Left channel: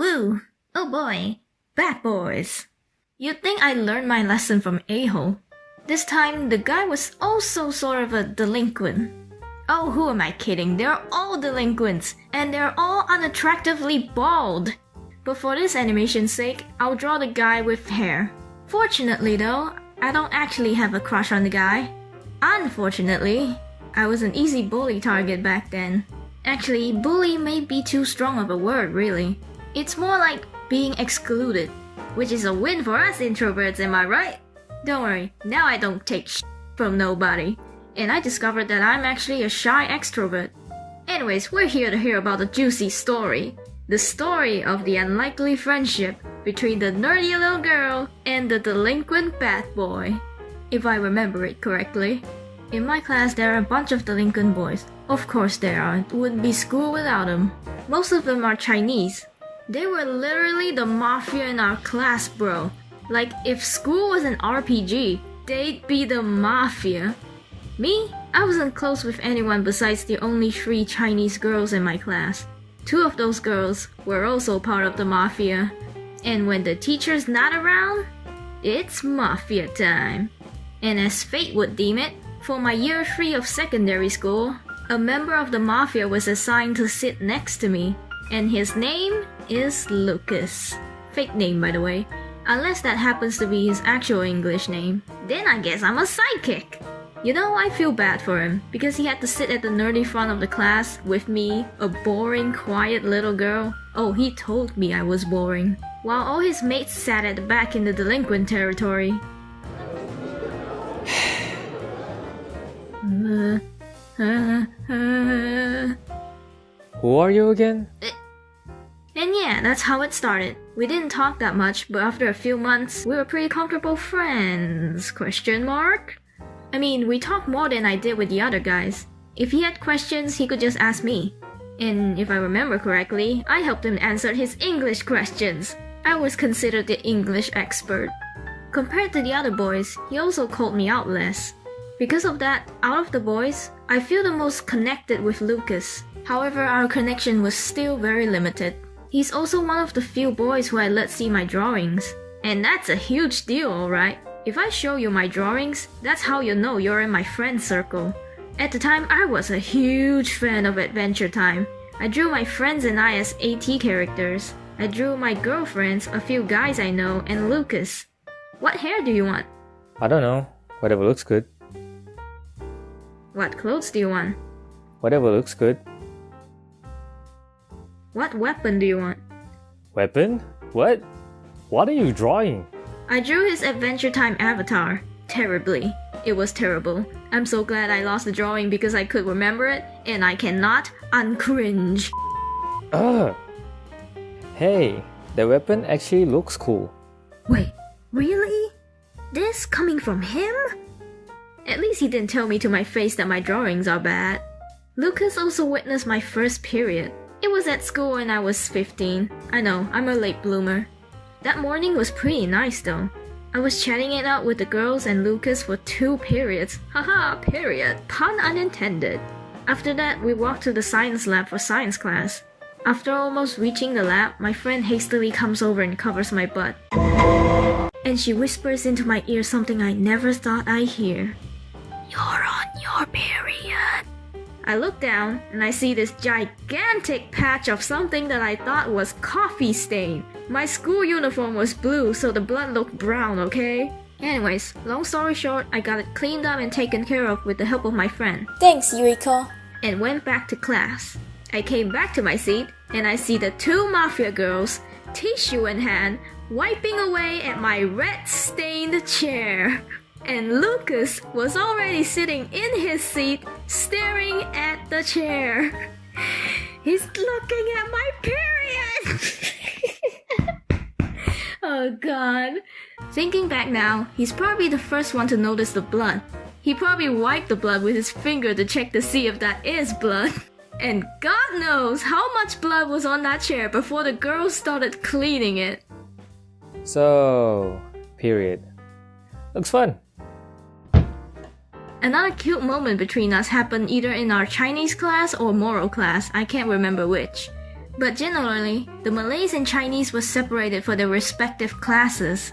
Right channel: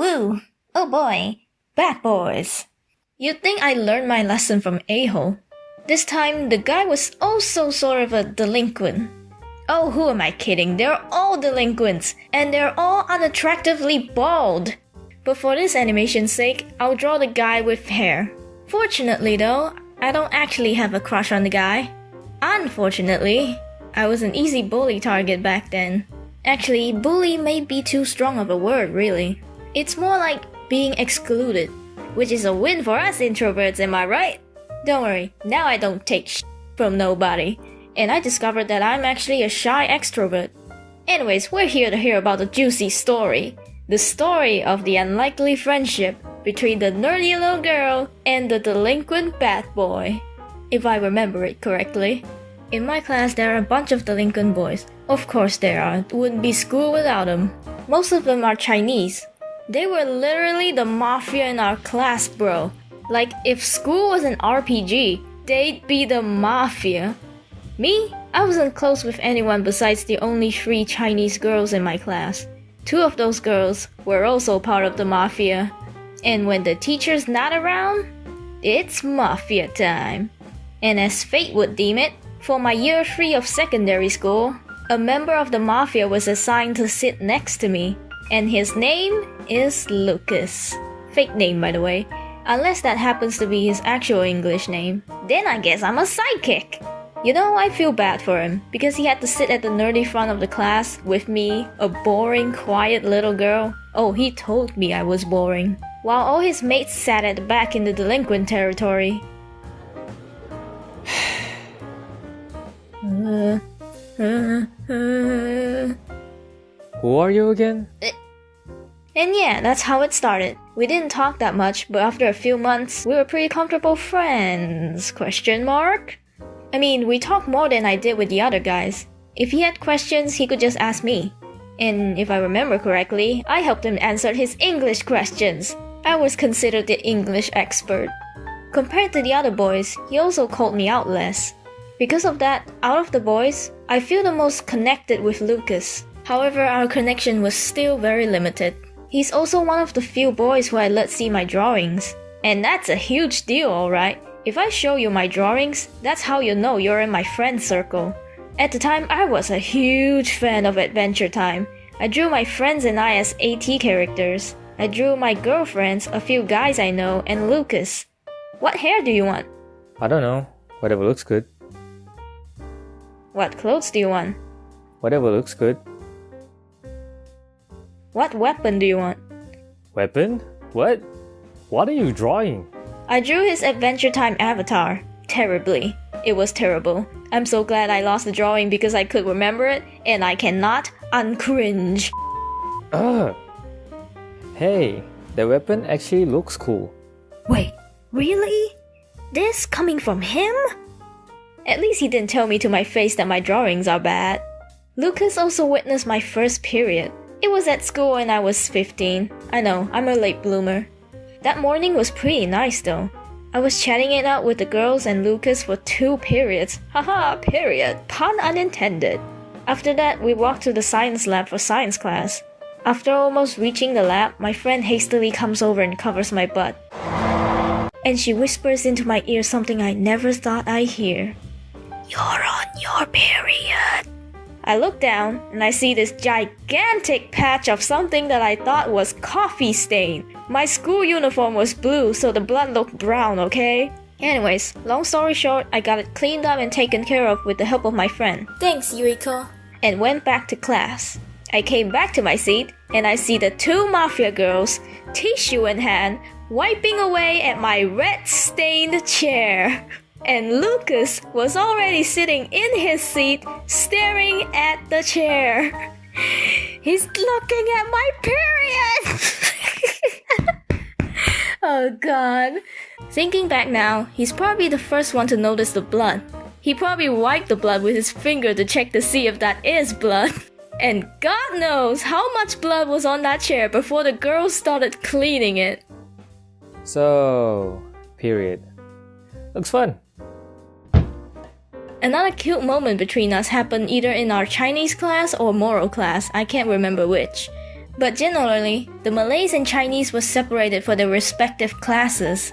woo! Oh boy, bad boys. You'd think I learned my lesson from a-hole. This time, the guy was also sort of a delinquent. Oh, who am I kidding? They're all delinquents, and they're all unattractively bald. But for this animation's sake, I'll draw the guy with hair. Fortunately though, I don't actually have a crush on the guy. Unfortunately, I was an easy bully target back then. Actually, bully may be too strong of a word, really. It's more like being excluded, which is a win for us introverts, am I right? Don't worry, now I don't take shit from nobody, and I discovered that I'm actually a shy extrovert. Anyways, we're here to hear about the juicy story. The story of the unlikely friendship between the nerdy little girl and the delinquent bad boy. If I remember it correctly. In my class, there are a bunch of delinquent boys. Of course there are, it wouldn't be school without them. Most of them are Chinese. They were literally the mafia in our class, bro. Like, if school was an RPG, they'd be the mafia. Me? I wasn't close with anyone besides the only 3 Chinese girls in my class. 2 of those girls were also part of the mafia. And when the teacher's not around, it's mafia time. And as fate would deem it, for my year 3 of secondary school, a member of the mafia was assigned to sit next to me. And his name is Lukas. Fake name, by the way. Unless that happens to be his actual English name. Then I guess I'm a sidekick. You know, I feel bad for him, because he had to sit at the nerdy front of the class with me, a boring, quiet little girl. Oh, he told me I was boring. While all his mates sat at the back in the delinquent territory. Who are you again? And yeah, that's how it started. We didn't talk that much, but after a few months, we were pretty comfortable friends? Question mark? I mean, we talked more than I did with the other guys. If he had questions, he could just ask me. And if I remember correctly, I helped him answer his English questions. I was considered the English expert. Compared to the other boys, he also called me out less. Because of that, out of the boys, I feel the most connected with Lukas. However, our connection was still very limited. He's also one of the few boys who I let see my drawings. And that's a huge deal, alright? If I show you my drawings, that's how you know you're in my friend circle. At the time, I was a huge fan of Adventure Time. I drew my friends and I as AT characters. I drew my girlfriends, a few guys I know, and Lukas. What hair do you want? I don't know. Whatever looks good. What clothes do you want? Whatever looks good. What weapon do you want? Weapon? What? What are you drawing? I drew his Adventure Time avatar. Terribly. It was terrible. I'm so glad I lost the drawing because I could remember it, and I cannot uncringe. Ugh! Hey, the weapon actually looks cool. Wait, really? This coming from him? At least he didn't tell me to my face that my drawings are bad. Lukas also witnessed my first period. It was at school when I was 15. I know, I'm a late bloomer. That morning was pretty nice though. I was chatting it out with the girls and Lukas for 2 periods. Haha, period. Pun unintended. After that, we walked to the science lab for science class. After almost reaching the lab, my friend hastily comes over and covers my butt. And she whispers into my ear something I never thought I'd hear. You're on your period. I look down and I see this gigantic patch of something that I thought was coffee stain. My school uniform was blue, so the blood looked brown, okay? Anyways, long story short, I got it cleaned up and taken care of with the help of my friend. Thanks, Yuriko. And went back to class. I came back to my seat and I see the 2 mafia girls, tissue in hand, wiping away at my red-stained chair. And Lukas was already sitting in his seat, staring at the chair. He's looking at my period! Oh god. Thinking back now, he's probably the first one to notice the blood. He probably wiped the blood with his finger to check to see if that is blood. And God knows how much blood was on that chair before the girls started cleaning it. So, period. Looks fun. Another cute moment between us happened either in our Chinese class or moral class, I can't remember which. But generally, the Malays and Chinese were separated for their respective classes.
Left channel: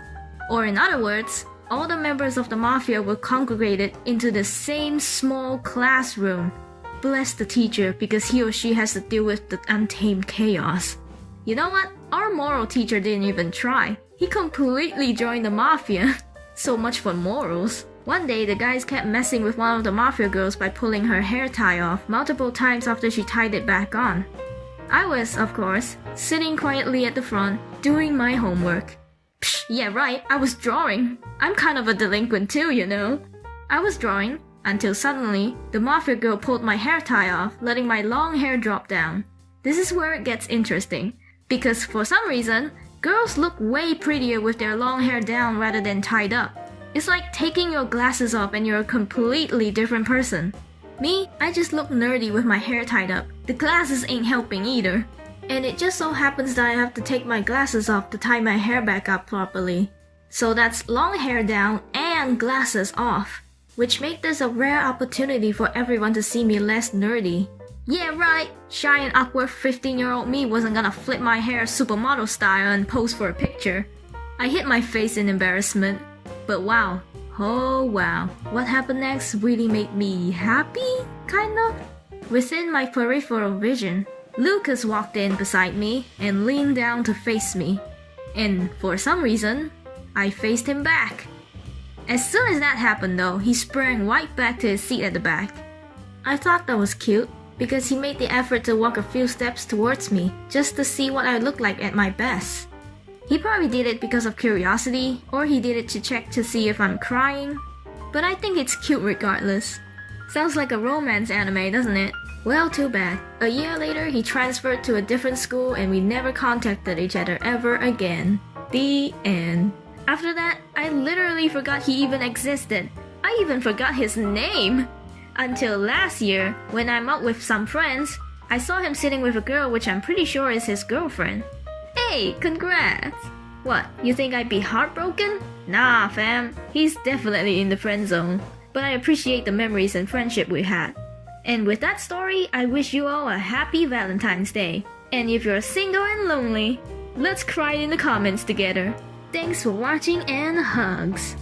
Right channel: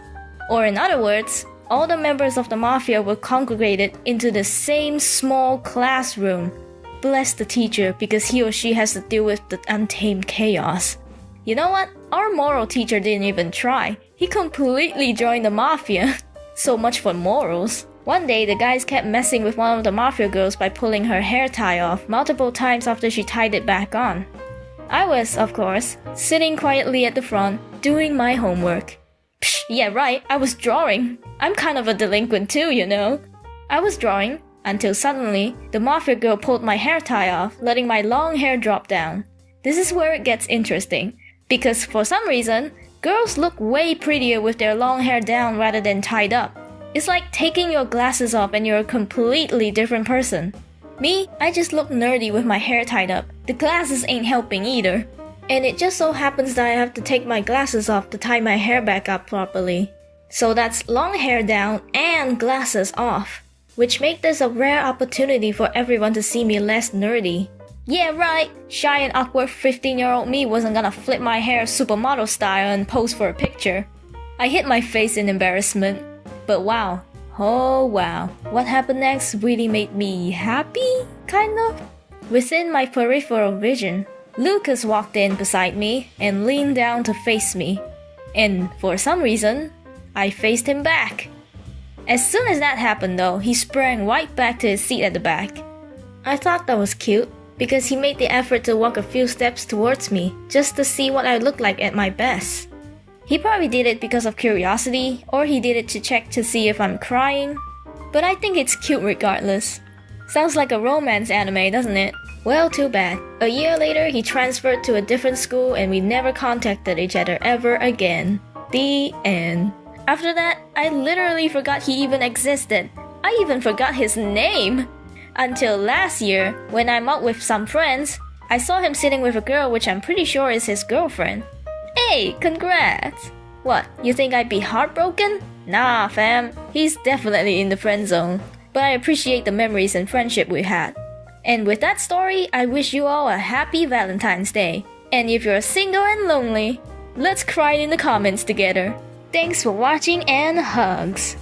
Or in other words, all the members of the mafia were congregated into the same small classroom. Bless the teacher because he or she has to deal with the untamed chaos. You know what? Our moral teacher didn't even try. He completely joined the mafia. So much for morals. One day, the guys kept messing with one of the mafia girls by pulling her hair tie off multiple times after she tied it back on. I was, of course, sitting quietly at the front, doing my homework. Psh, yeah right, I was drawing. I'm kind of a delinquent too, you know. I was drawing until suddenly, the mafia girl pulled my hair tie off, letting my long hair drop down. This is where it gets interesting, because for some reason, girls look way prettier with their long hair down rather than tied up. It's like taking your glasses off and you're a completely different person. Me, I just look nerdy with my hair tied up. The glasses ain't helping either. And it just so happens that I have to take my glasses off to tie my hair back up properly. So that's long hair down and glasses off, which make this a rare opportunity for everyone to see me less nerdy. Yeah right, shy and awkward 15-year-old me wasn't gonna flip my hair supermodel style and pose for a picture. I hit my face in embarrassment. But wow, oh wow, what happened next really made me happy, kind of? Within my peripheral vision, Lukas walked in beside me and leaned down to face me. And for some reason, I faced him back. As soon as that happened though, he sprang right back to his seat at the back. I thought that was cute, because he made the effort to walk a few steps towards me, just to see what I looked like at my best. He probably did it because of curiosity, or he did it to check to see if I'm crying. But I think it's cute regardless. Sounds like a romance anime, doesn't it? Well, too bad. A year later, he transferred to a different school and we never contacted each other ever again. The end. After that, I literally forgot he even existed. I even forgot his name. Until last year, when I'm out with some friends, I saw him sitting with a girl which I'm pretty sure is his girlfriend. Hey, congrats! What, you think I'd be heartbroken? Nah, fam. He's definitely in the friend zone. But I appreciate the memories and friendship we had. And with that story, I wish you all a happy Valentine's Day. And if you're single and lonely, let's cry in the comments together. Thanks for watching and hugs!